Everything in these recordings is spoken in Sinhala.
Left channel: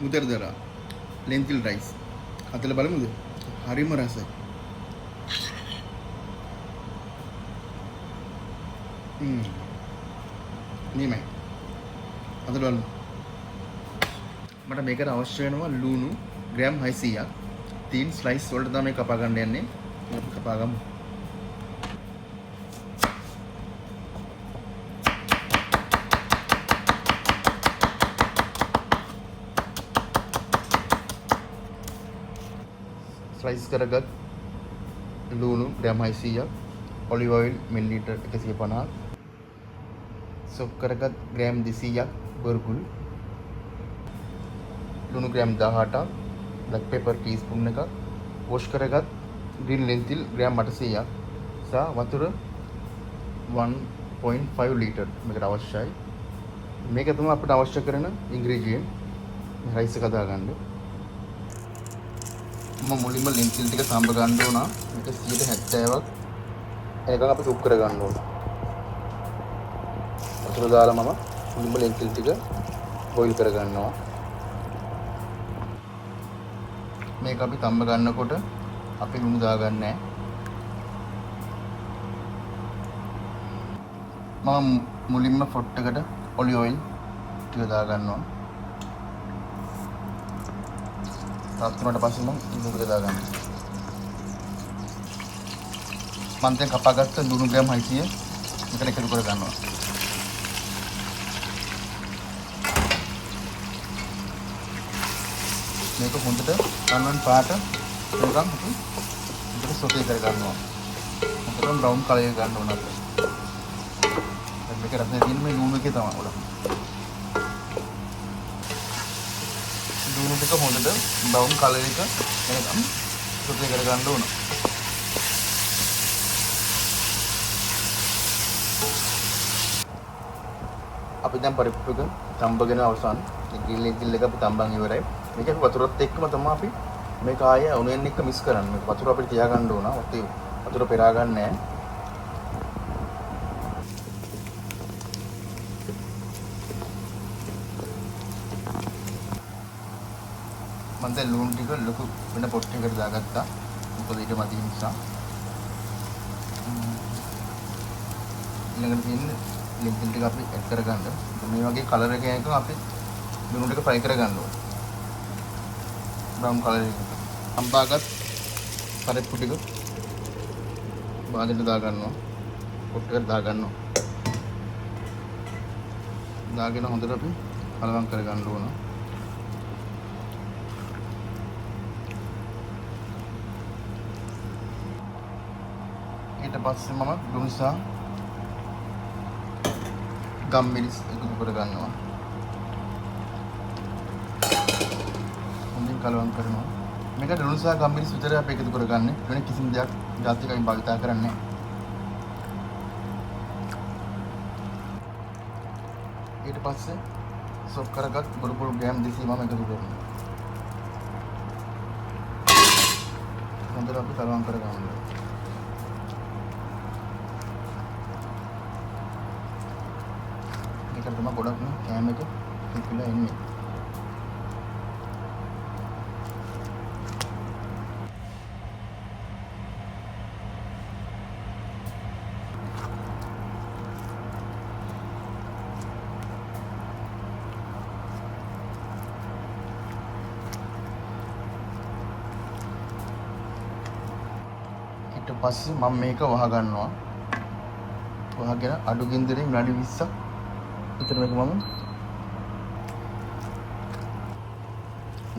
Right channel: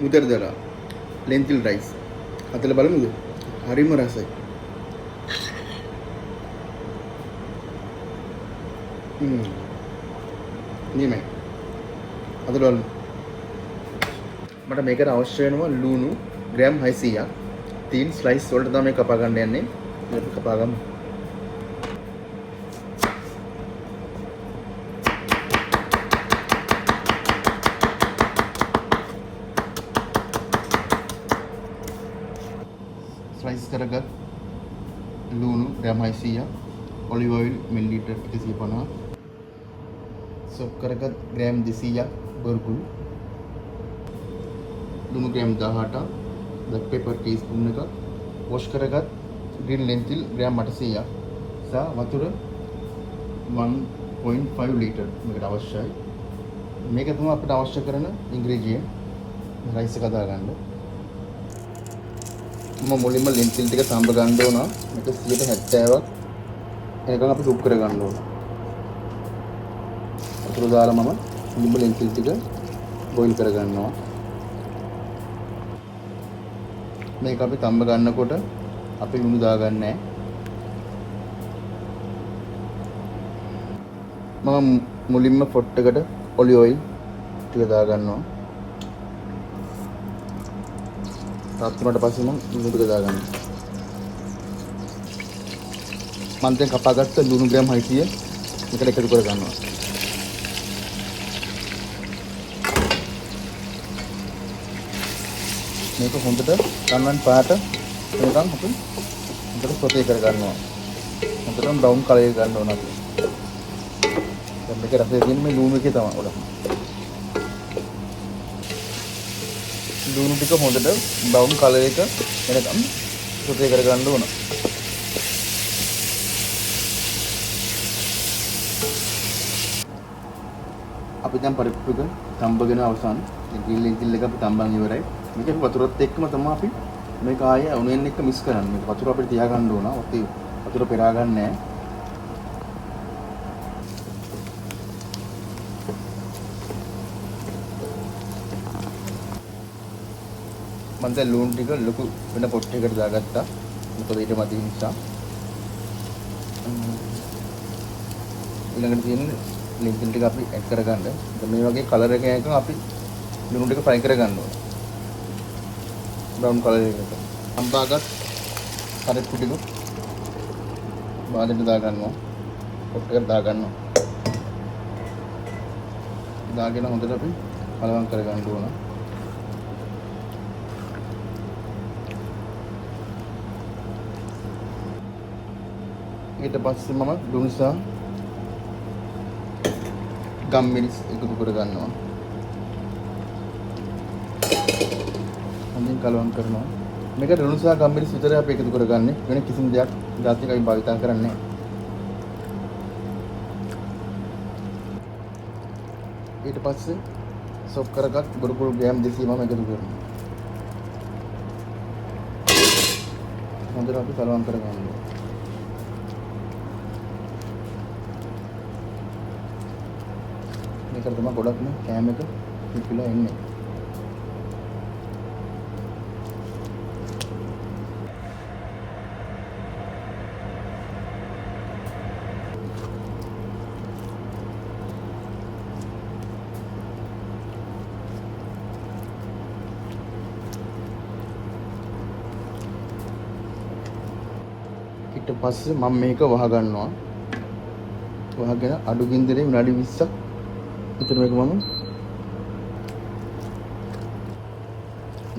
උදර්දලා ලෙන්තිල් රයිස්. අතල බලමුද? හරිම රසයි. නියමයි. අතල බලමු. මට මේකට අවශ්‍ය වෙනවා ලුණු ග්‍රෑම් 600ක්. 3 ස්ලයිස් වලට තමයි කපා ගන්න යන්නේ. මේක කපා ගමු. ස්ලයිස් කරගත් ලුණු ග්‍රෑම් 600ක්, ඔලිව් ඔයිල් මිලිලීටර් 150ක්, සොක් කරගත් ග්‍රෑම් 200ක් බර්ගුල්, ලුණු ග්‍රෑම් 18ක්, බ්ලැක් පෙපර් ටීස්පූන් එකක්, වොෂ් කරගත් ග්‍රීන් ලෙන්තිල් ග්‍රෑම් 800ක් සහ වතුර 1.5 ලීටර් මේකට අවශ්‍යයි. මේක තමයි අපිට අවශ්‍ය කරන ඉන්ග්‍රීඩියන්ට්. මේ රයිස් එක හදාගන්න. මුලින්ම ලෙන්තිල් ටික සම්බ ගන්න ඕන. මේක 70ක් එනකන් අපි සුප් කර ගන්න ඕන. ඒක දාලා මම මුලින්ම ලෙන්තිල් ටික බොයිල් කර ගන්නවා. මේක අපි තම්බ ගන්නකොට අපි ලුණු දාගන්නේ නැහැ. මම මුලින්ම පොට් එකට ඔලිව් ඔයිල් ටික දාගන්නවා. ඊට පස්සේ ලුණු ටික දාගන්නවා. මම දැන් කපාගත්ත ලුණු ග්‍රෑම් 600 එකට එකතු කර ගන්නවා. මේක හොඳට කන්නන් පාට වෙනකම් අපි හොඳට සොටේ කර ගන්නවා. හොඳට බ්‍රවුන් කලර් එක ගන්න ඕන අපිට. දැන් මේක රසය දෙන්නේ ලුණු එකේ තමයි බලන්න. ග්‍රීන් ටික හොඳට බ්‍රවුන් කලර් එක වෙනකම් සොටේ කර ගන්න ඕන. අපි දැන් පරිප්පුක තම්බගෙන අවසන් ග්‍රීන් ලෙන්තිල් එක අපි තම්බන් ඉවරයි. මේක වතුරත් එක්කම තමයි අපි මේක ආයේ ඔනියන් එක්ක මික්ස් කරන්නේ. මේක වතුර අපිට තියා ගන්න ඕන. ඔතේ වතුර පෙරා ගන්න නැහැ. මම දැන් ලුණු ටික ලොකු වෙන පොට් එකකට දාගත්තා. ඒක වේද මදි නිසා. ඊළඟට තියෙන්නේ ලුණු ටික අපි ඇඩ් කරගන්න. මේ වගේ කලර් එකක් එකක් අපි ලුණු ටික ෆ්‍රයි කරගන්නවා. ब्राउन कलर अंबागत परेप्पु टिक बादෙන්ට දාගන්නවා කොට්ටකට දාගන්නවා දාගෙන හොඳට අපි කලවම් කරගන්න ඕන ඊට පස්සේ මම ලුණු සහ ගම්මිරිස් එකතු කරගන්නවා කලවම් කරනවා මේක ලුණු සහ ගම්මිරිස් විතරයි අපි එකතු කරගන්නේ වෙන කිසිම දෙයක් ජාතිකයි භාවිත කරන්නේ ඊට පස්සේ සොක් කරගත් බුරුකුල් ග්‍රෑම් 200 මම එකතු කරනවා හොඳට අපි කලවම් කරගන්නවා මේක තමයි ගොඩක්ම කෑම එක පිපුලා එන්නේ ඊට පස්සේ මම මේක වහ ගන්නවා. වහගෙන අඩු ගින්දරෙන් විනාඩි 20ක් ඊට මේක මම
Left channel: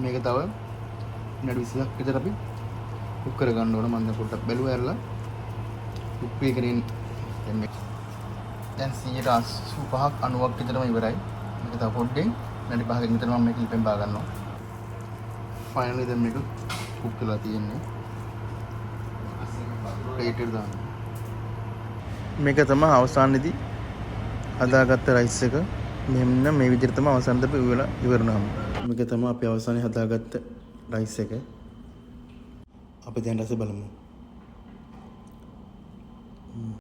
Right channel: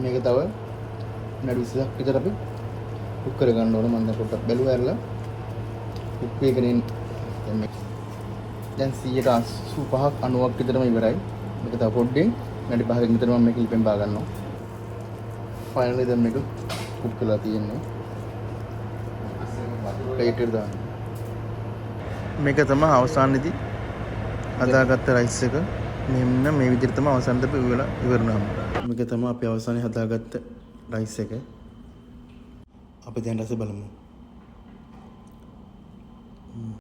මේක තව විනාඩි 20ක් විතර අපි කුක් කර ගන්න ඕන. මම දැන් පොඩ්ඩක් බැලුවා ඇරලා කුක් වෙගෙන දැන් 85ක් 90ක් විතරම ඉවරයි. මේක තව පොඩ්ඩෙන් විනාඩි 5කින් විතර මම මේක ඉපෙන් බා ගන්නවා. ෆයිනලි දැන් මේක කුක් කරලා තියෙනවා. මේක තමයි අවසානයේදී හදාගත්ත රයිස් එක. මෙන්න මේ විදිහට තමයි අවසානයේදී අපි උයලා ඉවරනම. මේක තමයි අපි අවසානයේ හදාගත්ත රයිස් එක. අපි දැන් රස බලමු.